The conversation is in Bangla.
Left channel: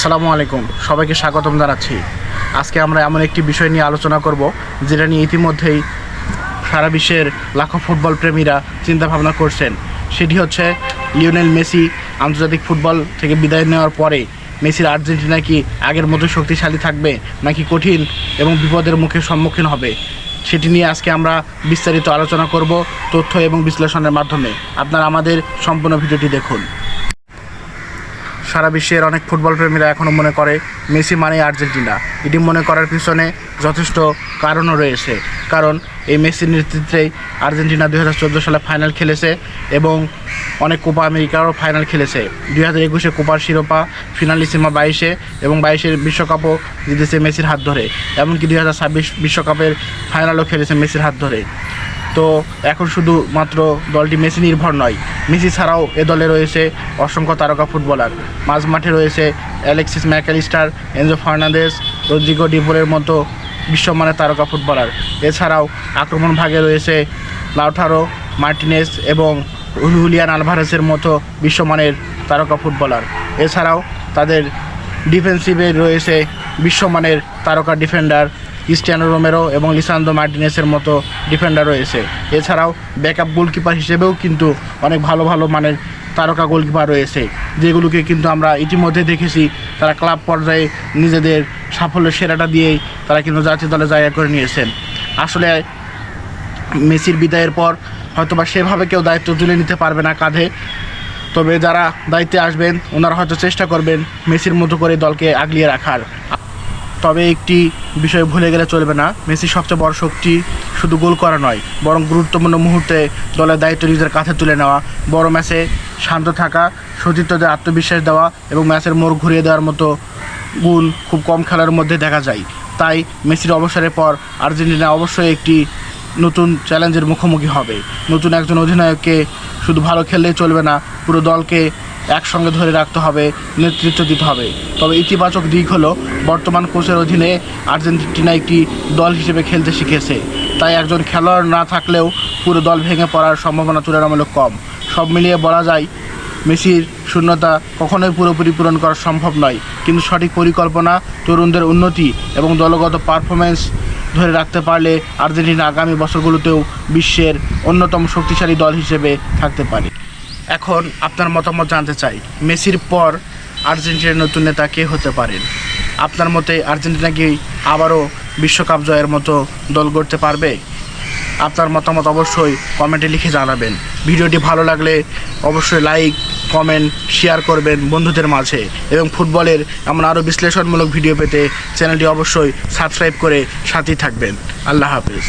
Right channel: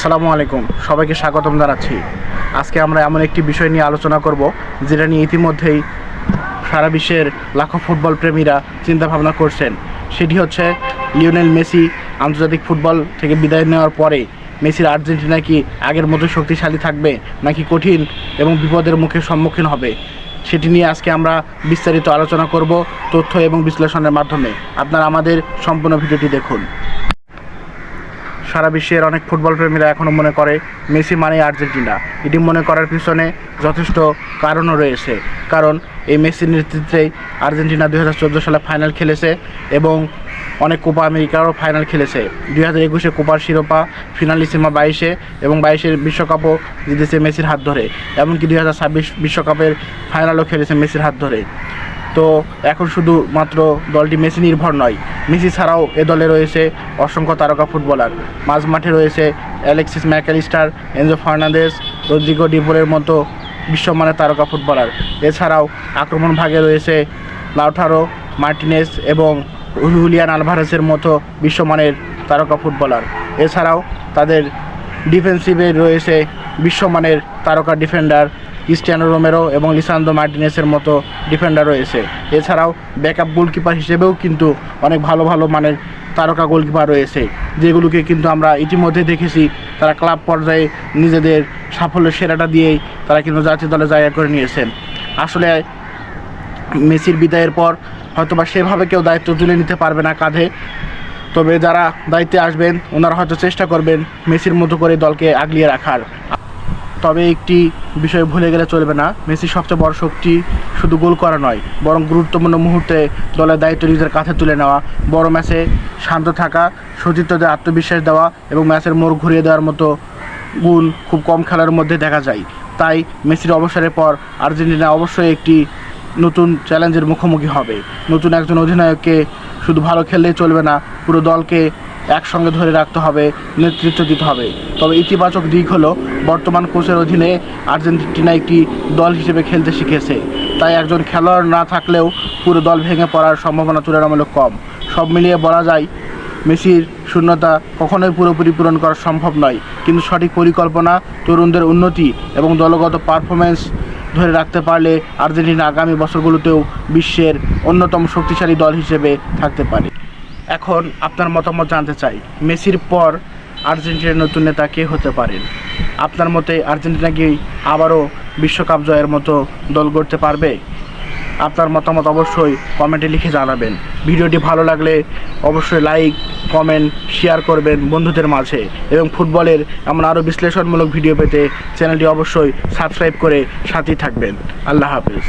আসসালামু আলাইকুম, সবাইকে স্বাগতম জানাচ্ছি। আজকে আমরা এমন একটি বিষয় নিয়ে আলোচনা করব যেটা নিয়ে ইতিমধ্যেই সারা বিশ্বের লাখো ফুটবল প্রেমীরা চিন্তাভাবনা করছেন। সেটি হচ্ছে লিওনেল মেসি আন্তর্জাতিক ফুটবল থেকে বিদায় নেওয়ার পরে মেসির আর্জেন্টিনা কি আগের মতো শক্তিশালী থাকবে নাকি কঠিন এবং বিপদের মুখে সম্মুখীন হবে, সেটি নিয়ে আজকে আমরা বিস্তারিত আলোচনা করব তথ্য এবং বিশ্লেষণের মাধ্যমে। আপনারা আমাদের সম্পূর্ণ ভিডিওটি দেখুন। সারা বিশ্বের অনেক ফুটবল প্রেমীরা এখনও মনে করে মেসি মানেই আর্জেন্টিনা। এটি মনে করার পিছনে যথেষ্ট কারণও রয়েছে, কারণ এই মেসির নেতৃত্বেই আর্জেন্টিনা 2014 সালে ফাইনাল খেলেছে এবং অনেক কোপা আমেরিকারও ফাইনাল খেলেছে। 2021 কোপার শিরোপা ফিনালিসিমা 22 এবং 22 বিশ্বকাপও জিতেছে মেসির হাত ধরে, এমনকি 2026 বিশ্বকাপের ফাইনালও খেলেছে মেসির হাত ধরে। তো এখন শুধুমাত্র দলটি মেসি নির্ভর নয়, মেসি ছাড়াও এ দলে রয়েছে অসংখ্য তারকা ফুটবলার। মাঝ মাঠে রয়েছে Alexis Mac Allister, Enzo Fernandez, Rodrigo De পলের মতো বিশ্বমানের তারকা ফুটবলার। এছাড়াও আক্রমণ ভাগে রয়েছে লাউটারো মার্টিনেজ এবং হুলিয়ান আলভারেজের মতো বিশ্বমানের তারকা ফুটবলার। এছাড়াও তাদের ডিফেন্সিভে রয়েছে বিশ্বমানের তারকা ডিফেন্ডার ক্রিস্টিয়ানো রোমেরো এবং লিসান্দ্রো মার্টিনেসের মতো ডিফেন্ডার রয়েছে। এছাড়াও ব্যাকআপ গোলকিপার হিসেবেও কিন্তু অনেক ভালো ভালো মানের তারকা গোলকিপার রয়েছে, যেগুলোকে কিন্তু আমরা ইতিমধ্যে দেখেছি তারা ক্লাব পর্যায়ে নিজেদের সাফল্যের সেরাটা দিয়েই তারা কিন্তু জাতীয় দলে জায়গা করে নিয়েছেন। আসলে মেসির বিদায়ের পর হয়তোবা সেভাবে কেউ দায়িত্ব তুলে নিতে পারবে না কাঁধে, তবে যারা দায়িত্বে আসবেন ওনারা হয়তো চেষ্টা করবেন মেসির মতো করে দলকে আগলিয়ে রাখার। তবে একটি বিষয় ভুলে গেলে চলবে না, মেসির সবচেয়ে বড় শক্তি শুধু গোল করা নয়, বরং গুরুত্বপূর্ণ মুহূর্তে দলের দায়িত্ব নিজের কাঁধে তুলে নেওয়া, বড় ম্যাচে শান্ত থাকা, সতীর্থদের আত্মবিশ্বাস দেওয়া এবং ম্যাচের মোড় ঘুরিয়ে দেওয়ার মতো গুণ খুব কম খেলার মধ্যে দেখা যায়। তাই মেসির অবসরের পর আর্জেন্টিনা অবশ্যই একটি নতুন চ্যালেঞ্জের মুখোমুখি হবে। নতুন একজন অধিনায়ককে শুধু ভালো খেললেই চলবে না, পুরো দলকে একসঙ্গে ধরে রাখতে হবে, নেতৃত্ব দিতে হবে। তবে ইতিবাচক দিক হলো বর্তমান কোচের অধীনে আর্জেন্টিনা একটি দল হিসেবে খেলতে শিখেছে, তাই একজন খেলোয়াড় না থাকলেও পুরো দল ভেঙে পড়ার সম্ভাবনা তুলনামূলক কম। সব মিলিয়ে বলা যায় মেসির শূন্যতা কখনোই পুরোপুরি পূরণ করা সম্ভব নয়, কিন্তু সঠিক পরিকল্পনা, তরুণদের উন্নতি এবং দলগত পারফরমেন্স ধরে রাখতে পারলে আর্জেন্টিনা আগামী বছরগুলোতেও বিশ্বের অন্যতম শক্তিশালী দল হিসেবে থাকতে পারে। এখন আপনার মতামত জানতে চাই, মেসির পর আর্জেন্টিনার নতুন নেতা কে হতে পারেন? আপনার মতে আর্জেন্টিনা কি আবারও বিশ্বকাপ জয়ের মতো দল গড়তে পারবে? আপনার মতামত অবশ্যই কমেন্টে লিখে জানাবেন। ভিডিওটি ভালো লাগলে অবশ্যই লাইক, কমেন্ট, শেয়ার করবেন বন্ধুদের মাঝে এবং ফুটবলের এমন আরও বিশ্লেষণমূলক ভিডিও পেতে চ্যানেলটি অবশ্যই সাবস্ক্রাইব করে সাথেই থাকবেন। আল্লাহ হাফেজ।